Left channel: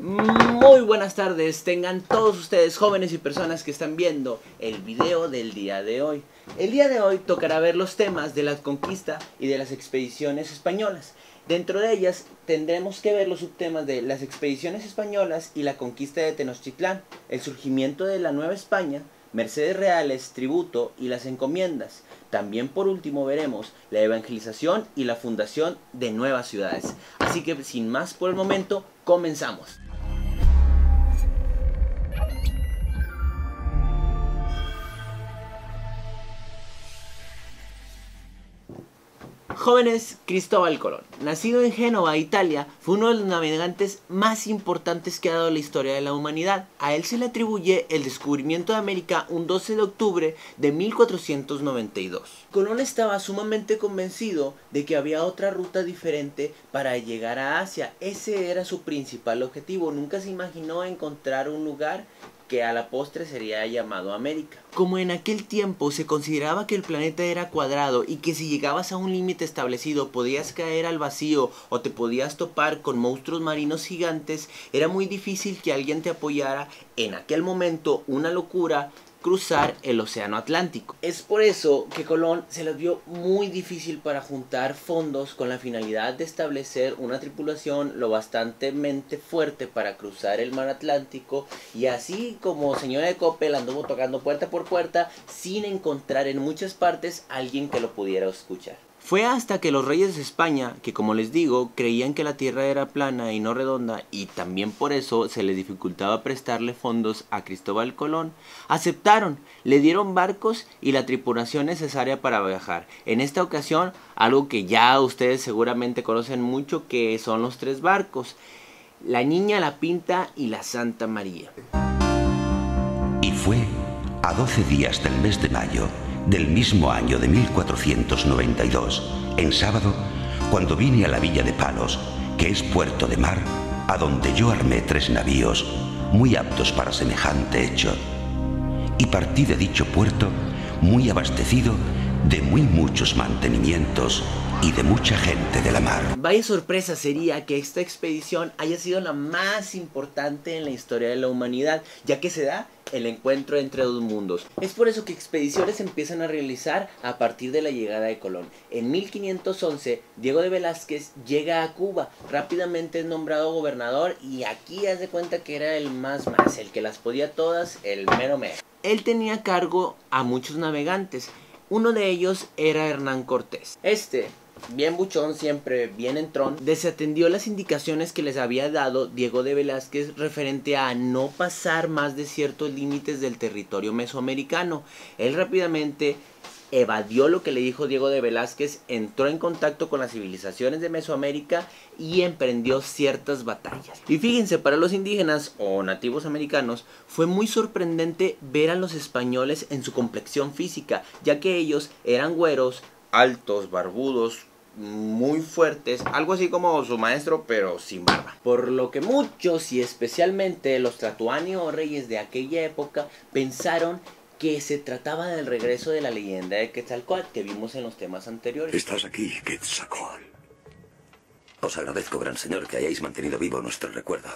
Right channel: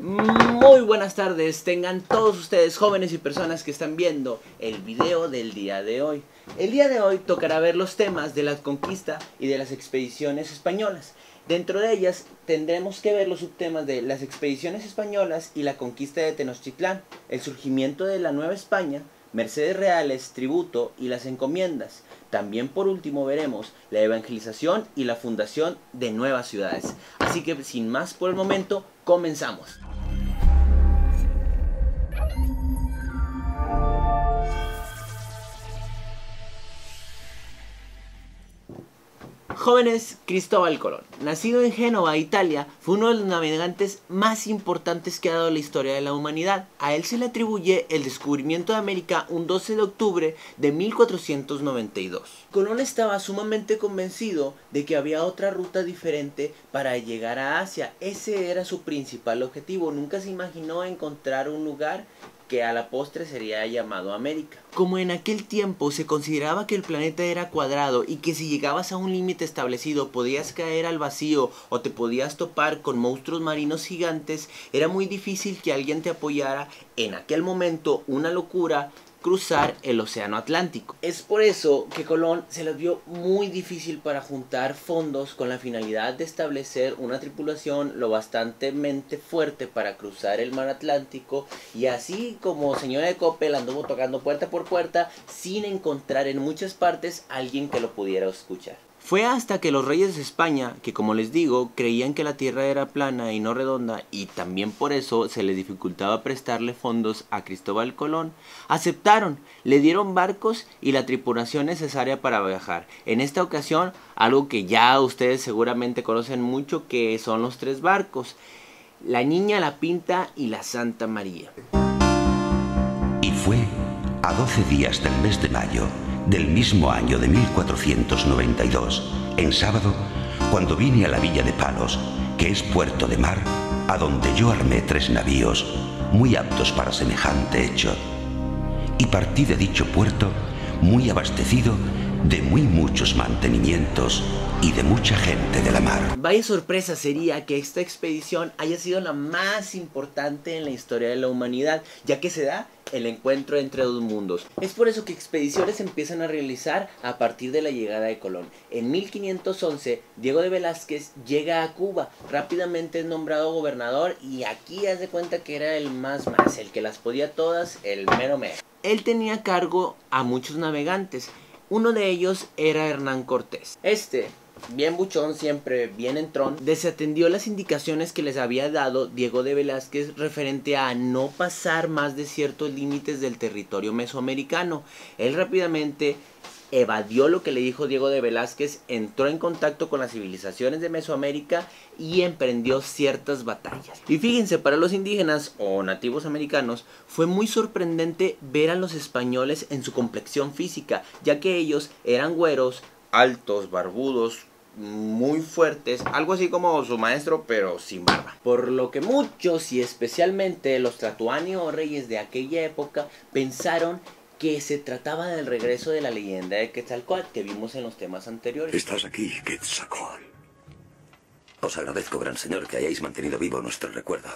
Muy buenas tardes, tengan todos ustedes jóvenes y personas que están viendo el video del día de hoy. El día de hoy tocará ver los temas de la conquista y de las expediciones españolas. Dentro de ellas tendremos que ver los subtemas de las expediciones españolas y la conquista de Tenochtitlán, el surgimiento de la Nueva España, mercedes reales, tributo y las encomiendas. También por último veremos la evangelización y la fundación de nuevas ciudades. Así que sin más por el momento, comenzamos. Jóvenes, Cristóbal Colón, nacido en Génova, Italia, fue uno de los navegantes más importantes que ha dado la historia de la humanidad. A él se le atribuye el descubrimiento de América un 12 de octubre de 1492. Colón estaba sumamente convencido de que había otra ruta diferente para llegar a Asia. Ese era su principal objetivo. Nunca se imaginó encontrar un lugar que a la postre sería llamado América. Como en aquel tiempo se consideraba que el planeta era cuadrado y que si llegabas a un límite establecido podías caer al vacío o te podías topar con monstruos marinos gigantes, era muy difícil que alguien te apoyara. En aquel momento, una locura, cruzar el océano Atlántico. Es por eso que Colón se les vio muy difícil para juntar fondos con la finalidad de establecer una tripulación lo bastantemente fuerte para cruzar el mar Atlántico, y así como señora de Coppel anduvo tocando puerta por puerta sin encontrar en muchas partes a alguien que lo pudiera escuchar. Fue hasta que los reyes de España, que como les digo, creían que la tierra era plana y no redonda, y también por eso se les dificultaba prestarle fondos a Cristóbal Colón, aceptaron, le dieron barcos y la tripulación necesaria para viajar. En esta ocasión, algo que ya ustedes seguramente conocen mucho, que son los tres barcos: la Niña, la Pinta y la Santa María. Y fue a 12 días del mes de mayo del mismo año de 1492, en sábado, cuando vine a la villa de Palos, que es puerto de mar, a donde yo armé 3 navíos, muy aptos para semejante hecho, y partí de dicho puerto muy abastecido de muy muchos mantenimientos y de mucha gente de la mar. Vaya sorpresa sería que esta expedición haya sido la más importante en la historia de la humanidad, ya que se da el encuentro entre dos mundos. Es por eso que expediciones se empiezan a realizar a partir de la llegada de Colón. En 1511, Diego de Velázquez llega a Cuba, rápidamente es nombrado gobernador, y aquí haz de cuenta que era el más, el que las podía todas, el mero mero. Él tenía a cargo a muchos navegantes. Uno de ellos era Hernán Cortés. Bien buchón, siempre bien entrón, desatendió las indicaciones que les había dado Diego de Velázquez referente a no pasar más de ciertos límites del territorio mesoamericano. Él rápidamente evadió lo que le dijo Diego de Velázquez, entró en contacto con las civilizaciones de Mesoamérica y emprendió ciertas batallas. Y fíjense, para los indígenas o nativos americanos fue muy sorprendente ver a los españoles en su complexión física, ya que ellos eran güeros, altos, barbudos, muy fuertes, algo así como su maestro pero sin barba. Por lo que muchos, y especialmente los tlatoani o reyes de aquella época, pensaron que se trataba del regreso de la leyenda de Quetzalcóatl que vimos en los temas anteriores. Estás aquí, Quetzalcóatl. Os agradezco, gran señor, que hayáis mantenido vivo nuestro recuerdo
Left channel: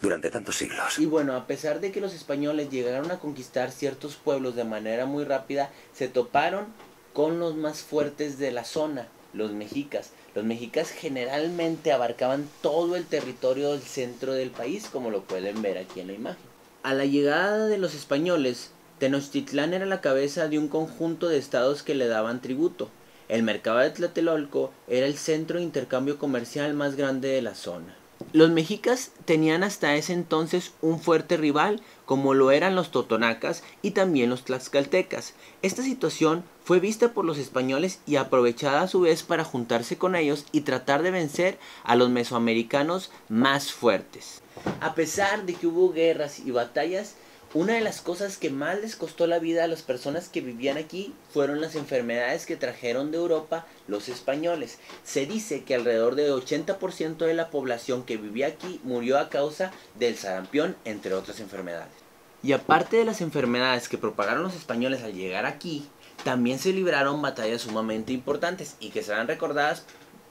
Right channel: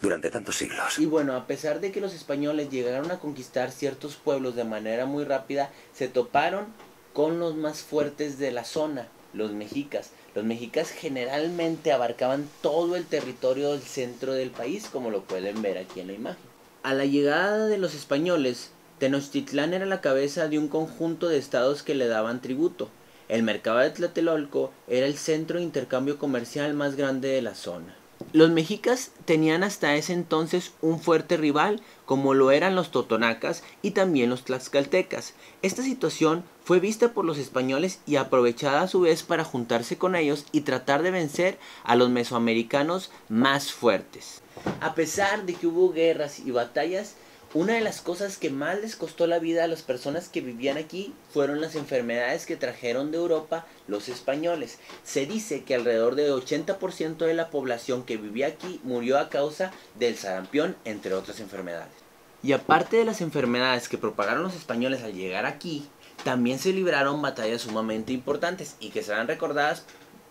durante tantos siglos. Y bueno, a pesar de que los españoles llegaron a conquistar ciertos pueblos de manera muy rápida, se toparon con los más fuertes de la zona, los mexicas. Los mexicas generalmente abarcaban todo el territorio del centro del país, como lo pueden ver aquí en la imagen. A la llegada de los españoles, Tenochtitlán era la cabeza de un conjunto de estados que le daban tributo. El mercado de Tlatelolco era el centro de intercambio comercial más grande de la zona. Los mexicas tenían hasta ese entonces un fuerte rival, como lo eran los totonacas y también los tlaxcaltecas. Esta situación fue vista por los españoles y aprovechada a su vez para juntarse con ellos y tratar de vencer a los mesoamericanos más fuertes. A pesar de que hubo guerras y batallas, una de las cosas que más les costó la vida a las personas que vivían aquí fueron las enfermedades que trajeron de Europa los españoles. Se dice que alrededor del 80% de la población que vivía aquí murió a causa del sarampión, entre otras enfermedades. Y aparte de las enfermedades que propagaron los españoles al llegar aquí, también se libraron batallas sumamente importantes y que serán recordadas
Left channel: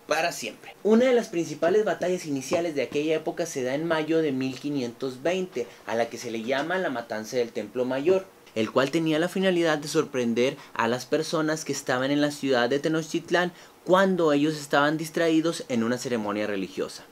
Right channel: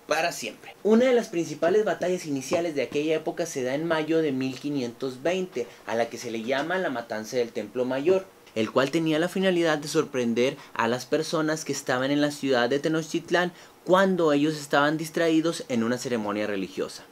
para siempre. Una de las principales batallas iniciales de aquella época se da en mayo de 1520, a la que se le llama la Matanza del Templo Mayor, el cual tenía la finalidad de sorprender a las personas que estaban en la ciudad de Tenochtitlán cuando ellos estaban distraídos en una ceremonia religiosa.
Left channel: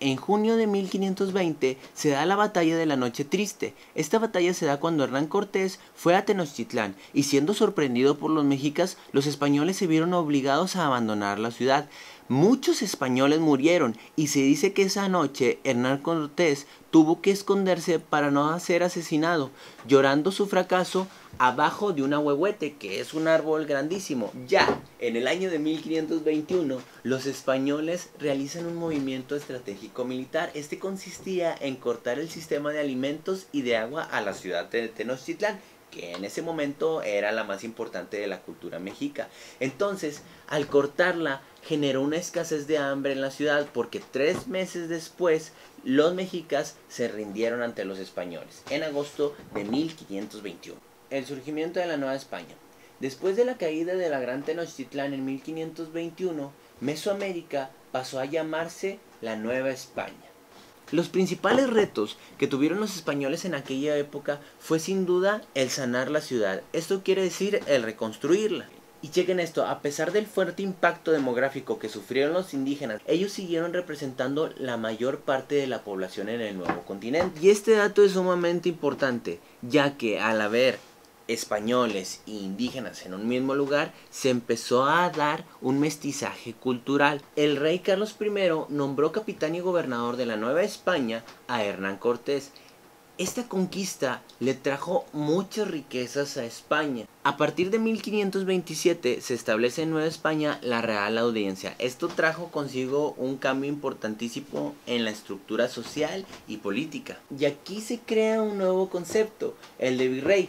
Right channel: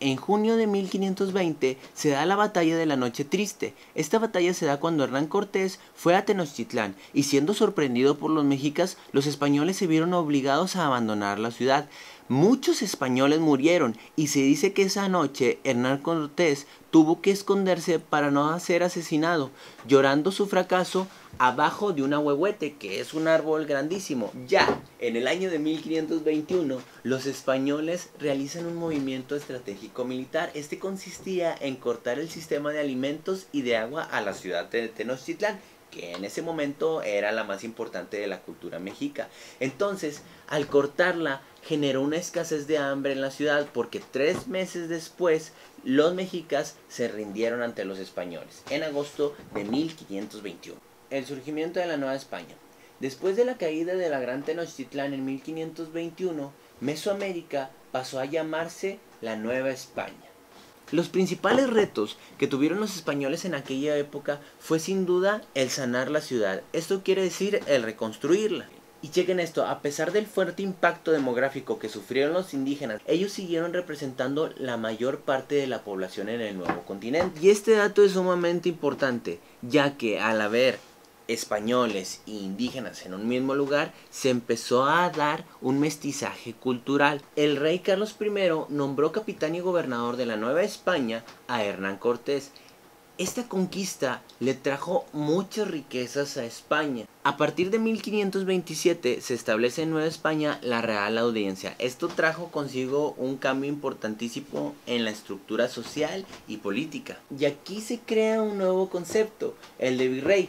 En junio de 1520 se da la batalla de la Noche Triste. Esta batalla se da cuando Hernán Cortés fue a Tenochtitlán y, siendo sorprendido por los mexicas, los españoles se vieron obligados a abandonar la ciudad. Muchos españoles murieron y se dice que esa noche Hernán Cortés tuvo que esconderse para no ser asesinado, llorando su fracaso abajo de un ahuehuete, que es un árbol grandísimo. Ya en el año de 1521, los españoles realizan un movimiento estratégico militar. Este consistía en cortar el sistema de alimentos y de agua a la ciudad de Tenochtitlán, que en ese momento era la más importante de la cultura mexica. Entonces, al cortarla, generó una escasez de hambre en la ciudad, porque 3 meses después los mexicas se rindieron ante los españoles, en agosto de 1521. El surgimiento de la Nueva España. Después de la caída de la Gran Tenochtitlán en 1521, Mesoamérica pasó a llamarse la Nueva España. Los principales retos que tuvieron los españoles en aquella época fue sin duda el sanar la ciudad. Esto quiere decir el reconstruirla. Y chequen esto, a pesar del fuerte impacto demográfico que sufrieron los indígenas, ellos siguieron representando la mayor parte de la población en el nuevo continente. Y este dato es sumamente importante, ya que al haber españoles e indígenas en un mismo lugar, se empezó a dar un mestizaje cultural. El rey Carlos I nombró capitán y gobernador de la Nueva España a Hernán Cortés. Esta conquista le trajo muchas riquezas a España. A partir de 1527 se establece en Nueva España la Real Audiencia. Esto trajo consigo un cambio importantísimo en la estructura social y política. Y aquí se crea un nuevo concepto, el de virrey.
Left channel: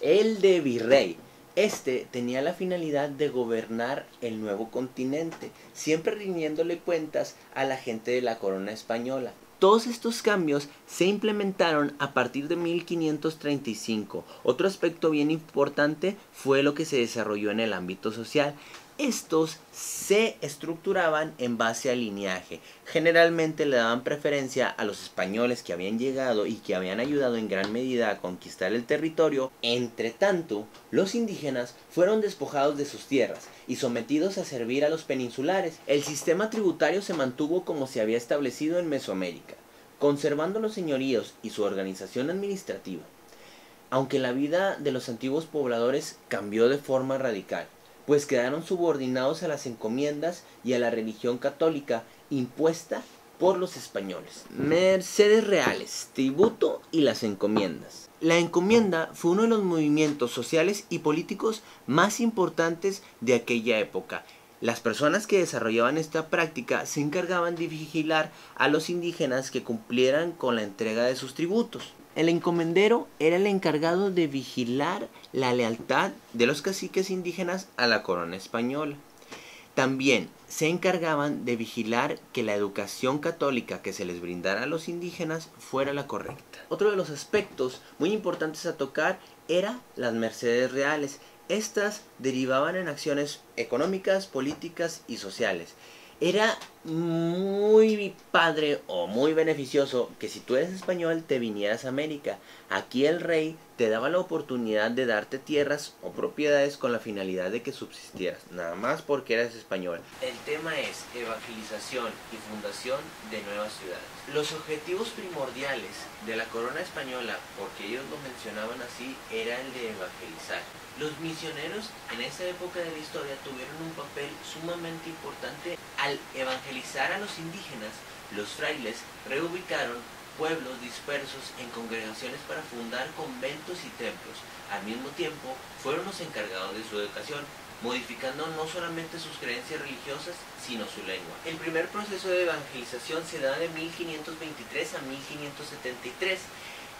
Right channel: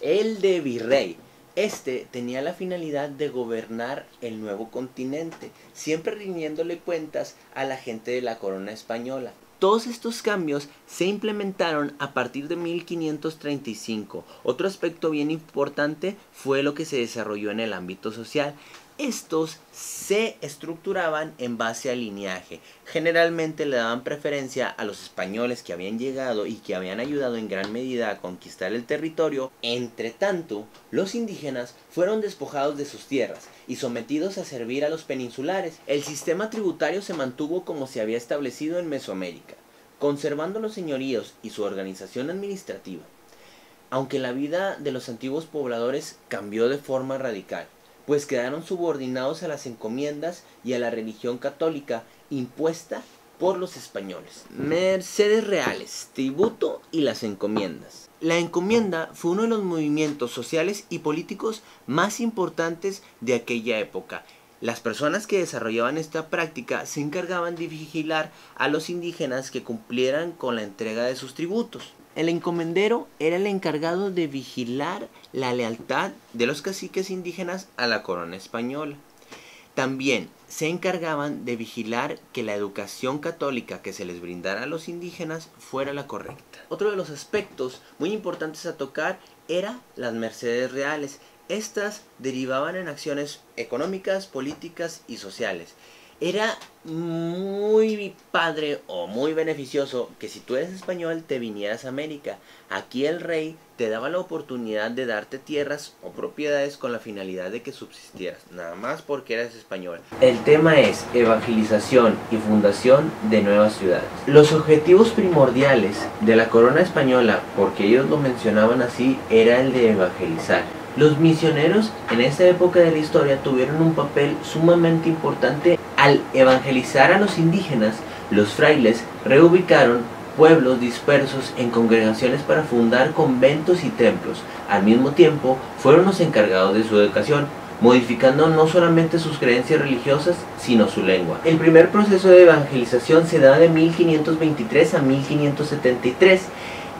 El de virrey. Este tenía la finalidad de gobernar el nuevo continente, siempre rindiéndole cuentas a la gente de la corona española. Todos estos cambios se implementaron a partir de 1535. Otro aspecto bien importante fue lo que se desarrolló en el ámbito social. Estos se estructuraban en base al linaje. Generalmente le daban preferencia a los españoles que habían llegado y que habían ayudado en gran medida a conquistar el territorio. Entre tanto, los indígenas fueron despojados de sus tierras y sometidos a servir a los peninsulares. El sistema tributario se mantuvo como se había establecido en Mesoamérica, conservando los señoríos y su organización administrativa. Aunque la vida de los antiguos pobladores cambió de forma radical, pues quedaron subordinados a las encomiendas y a la religión católica impuesta por los españoles. Mercedes reales, tributo y las encomiendas. La encomienda fue uno de los movimientos sociales y políticos más importantes de aquella época. Las personas que desarrollaban esta práctica se encargaban de vigilar a los indígenas que cumplieran con la entrega de sus tributos. El encomendero era el encargado de vigilar la lealtad de los caciques indígenas a la corona española. También se encargaban de vigilar que la educación católica que se les brindara a los indígenas fuera la correcta. Otro de los aspectos muy importantes a tocar era las mercedes reales. Estas derivaban en acciones económicas, políticas y sociales. Era muy padre o muy beneficioso que si tú eres español te vinieras a América. Aquí el rey te daba la oportunidad de darte tierras o propiedades con la finalidad de que subsistieras, nada más porque eras español. El tema es evangelización y fundación de nuevas ciudades. Los objetivos primordiales de la corona española, porque ellos lo mencionaban así, era el de evangelizar. Los misioneros en esta época de la historia tuvieron un papel sumamente importante. Al evangelizar a los indígenas, los frailes reubicaron pueblos dispersos en congregaciones para fundar conventos y templos. Al mismo tiempo, fueron los encargados de su educación, modificando no solamente sus creencias religiosas, sino su lengua. El primer proceso de evangelización se da de 1523 a 1573.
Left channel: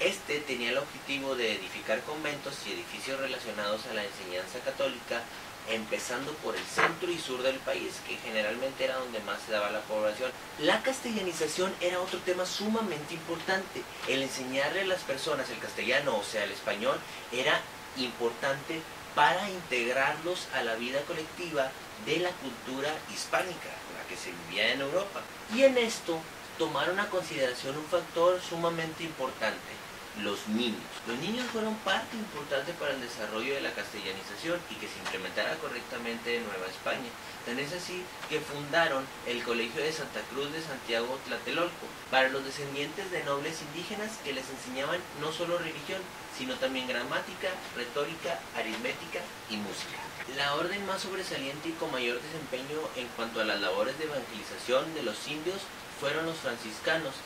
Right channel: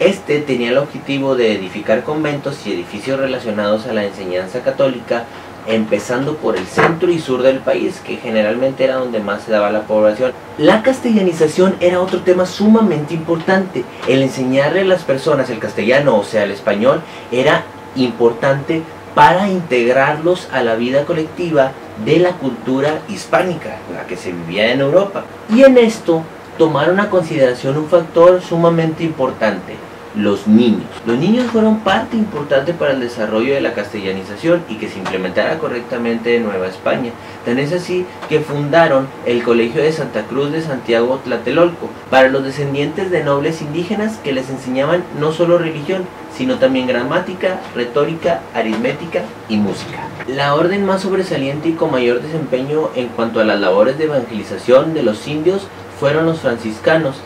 Este tenía el objetivo de edificar conventos y edificios relacionados a la enseñanza católica, empezando por el centro y sur del país, que generalmente era donde más se daba la población. La castellanización era otro tema sumamente importante. El enseñarle a las personas el castellano, o sea, el español, era importante para integrarlos a la vida colectiva de la cultura hispánica, la que se vivía en Europa. Y en esto tomaron a consideración un factor sumamente importante: los niños. Los niños fueron parte importante para el desarrollo de la castellanización y que se implementara correctamente en Nueva España. Tan es así que fundaron el Colegio de Santa Cruz de Santiago Tlatelolco para los descendientes de nobles indígenas, que les enseñaban no solo religión, sino también gramática, retórica, aritmética y música. La orden más sobresaliente y con mayor desempeño en cuanto a las labores de evangelización de los indios fueron los franciscanos.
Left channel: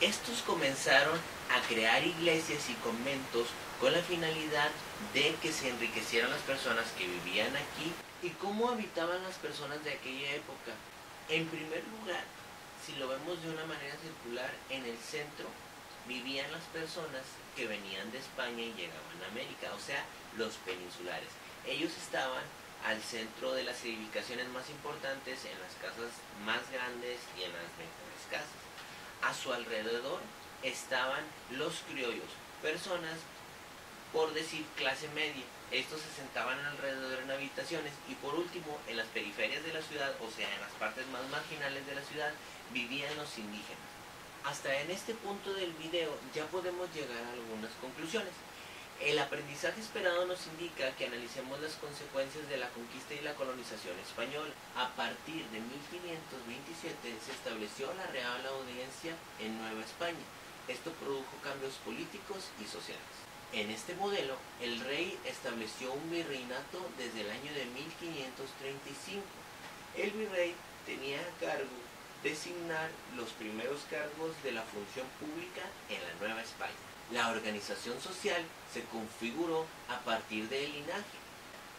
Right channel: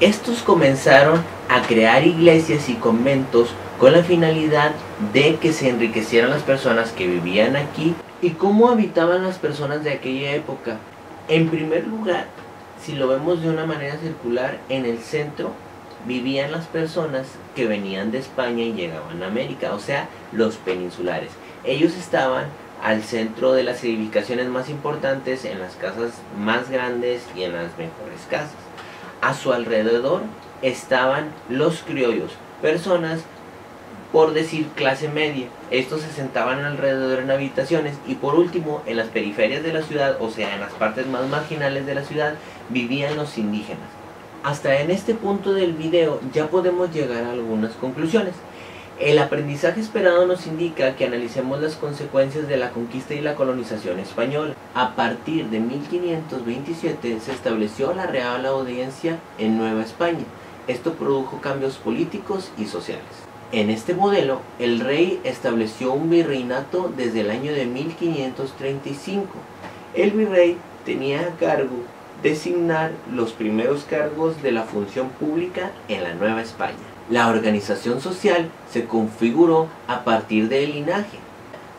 Estos comenzaron a crear iglesias y conventos con la finalidad de que se enriquecieran las personas que vivían aquí. ¿Y cómo habitaban las personas de aquella época? En primer lugar, si lo vemos de una manera circular, en el centro vivían las personas que venían de España y llegaban a América, o sea, los peninsulares. Ellos estaban al centro de las edificaciones más importantes, en las casas más grandes y en las mejores casas. A su alrededor estaban los criollos, personas, por decir, clase media. Estos se sentaban alrededor en habitaciones. Y por último, en las periferias de la ciudad, o sea, en las partes más marginales de la ciudad, vivían los indígenas. Hasta en este punto del video ya podemos llegar a algunas conclusiones. El aprendizaje esperado nos indica que analicemos las consecuencias de la conquista y la colonización española. A partir de 1527 se estableció la Real Audiencia en Nueva España. Esto produjo cambios políticos y sociales. En este modelo, el rey estableció un virreinato desde el año de 1535. El virrey tenía a cargo designar los primeros cargos de la función pública en la Nueva España. La organización social se configuró a partir del linaje.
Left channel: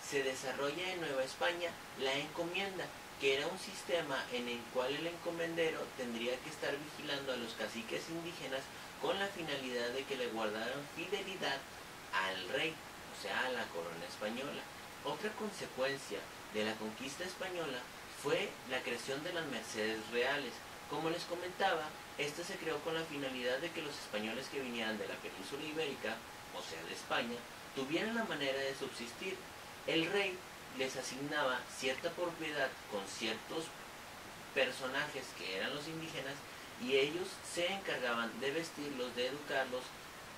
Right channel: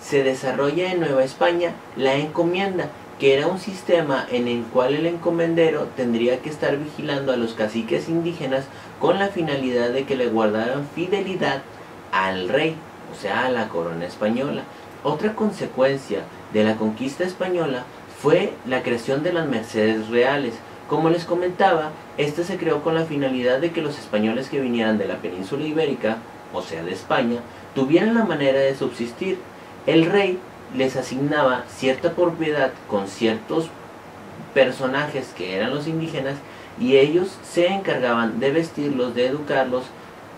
Se desarrolla en Nueva España la encomienda, que era un sistema en el cual el encomendero tendría que estar vigilando a los caciques indígenas con la finalidad de que le guardaran fidelidad al rey, o sea, a la corona española. Otra consecuencia de la conquista española fue la creación de las mercedes reales. Como les comentaba, esta se creó con la finalidad de que los españoles que vinieran de la península ibérica, o sea de España, tuvieran la manera de subsistir. El rey les asignaba cierta propiedad con ciertos personajes que eran los indígenas, y ellos se encargaban de vestirlos, de educarlos,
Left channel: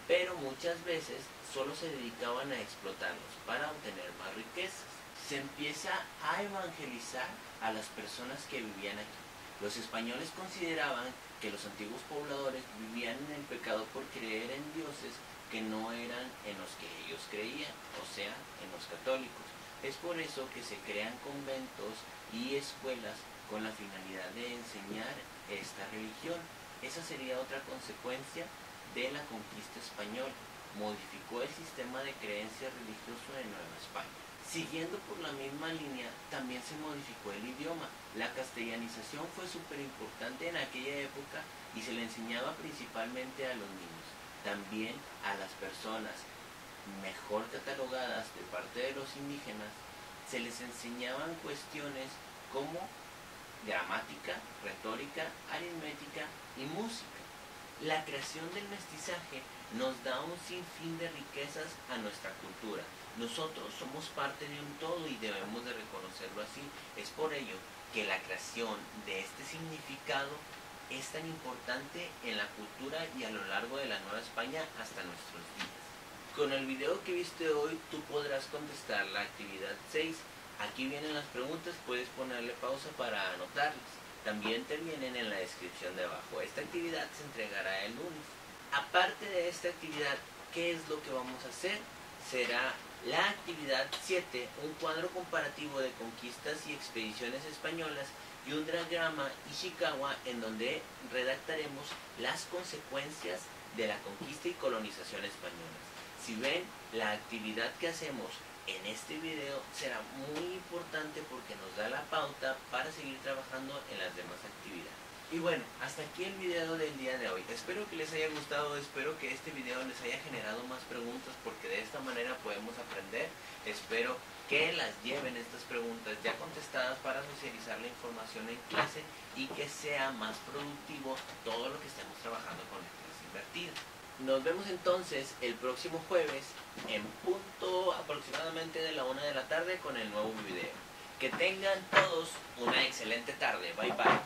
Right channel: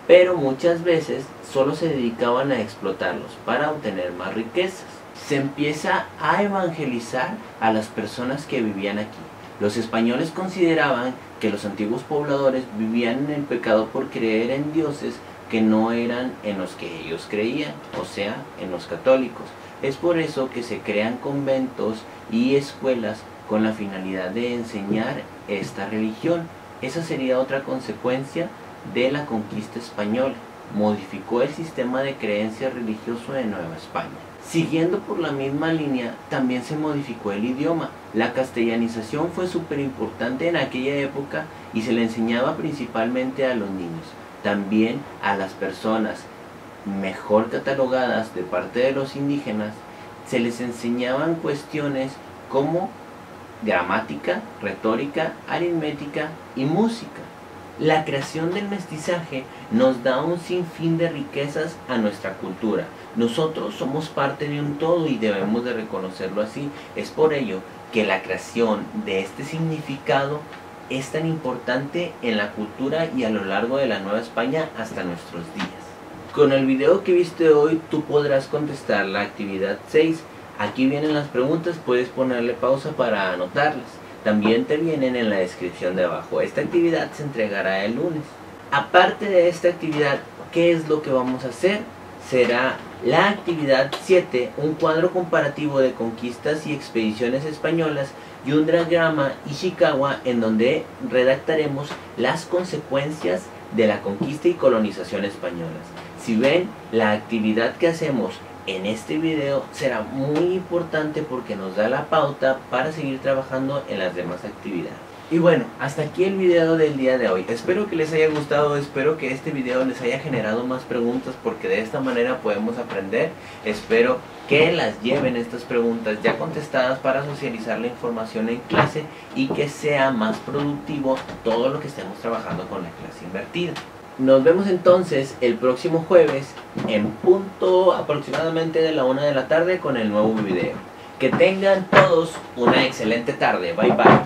pero muchas veces solo se dedicaban a explotarlos para obtener más riquezas. Se empieza a evangelizar a las personas que vivían aquí. Los españoles consideraban que los antiguos pobladores vivían en el pecado por creer en dioses que no eran en los que ellos creían, o sea, en los católicos. Es por eso que se crean conventos y escuelas con la finalidad de enseñar esta religión. Esa sería otra consecuencia de la conquista española. Modificó el sistema de creencias religioso de Nueva España. Siguiendo por la misma línea, también se modificó el idioma. La castellanización fue súper importante en aquella época y se le enseñaba principalmente a los niños. También a las personas mejor catalogadas de parte de los indígenas se les enseñaban cuestiones como gramática, retórica, aritmética y música. La creación del mestizaje nos da un sinfín de riquezas a nuestra cultura. Nosotros somos parte de un todo y debemos de reconocerlo así. Es por ello que la creación de este significado es tan importante en la cultura y a lo largo de la Nueva España hasta nuestros días. Con el video que viste hoy tú podrás contestar la actividad 6. Aquí vienen las preguntas, puedes ponerle pausa para anotarlas. También te vienen en la descripción de abajo. Esta actividad se entregará el lunes. Aparte de esta actividad, ¿qué es lo que vamos a hacer? Será la actividad 7, un cuadro comparativo de conquistas y expediciones españolas y un diagrama Ishikawa en donde redactaremos las consecuencias de la conquista y colonización españolas. Si ven, la actividad que hacemos en este video será muy importante porque nos da la pauta para seguir trabajando en las demás actividades. Y bueno, hasta aquí el video del día de hoy. Espero que les haya gustado, espero que este video les haya generado más preguntas porque de esta manera podemos aprender. Espero que las lleven estas preguntas ya contestadas para socializar la información en clase y que sea más productivo todo lo que estemos trabajando con la clase invertida. Nos vemos entonces el próximo jueves en punto aproximadamente de la 1 de la tarde con el nuevo video. Que tengan todos una excelente tarde. Bye bye.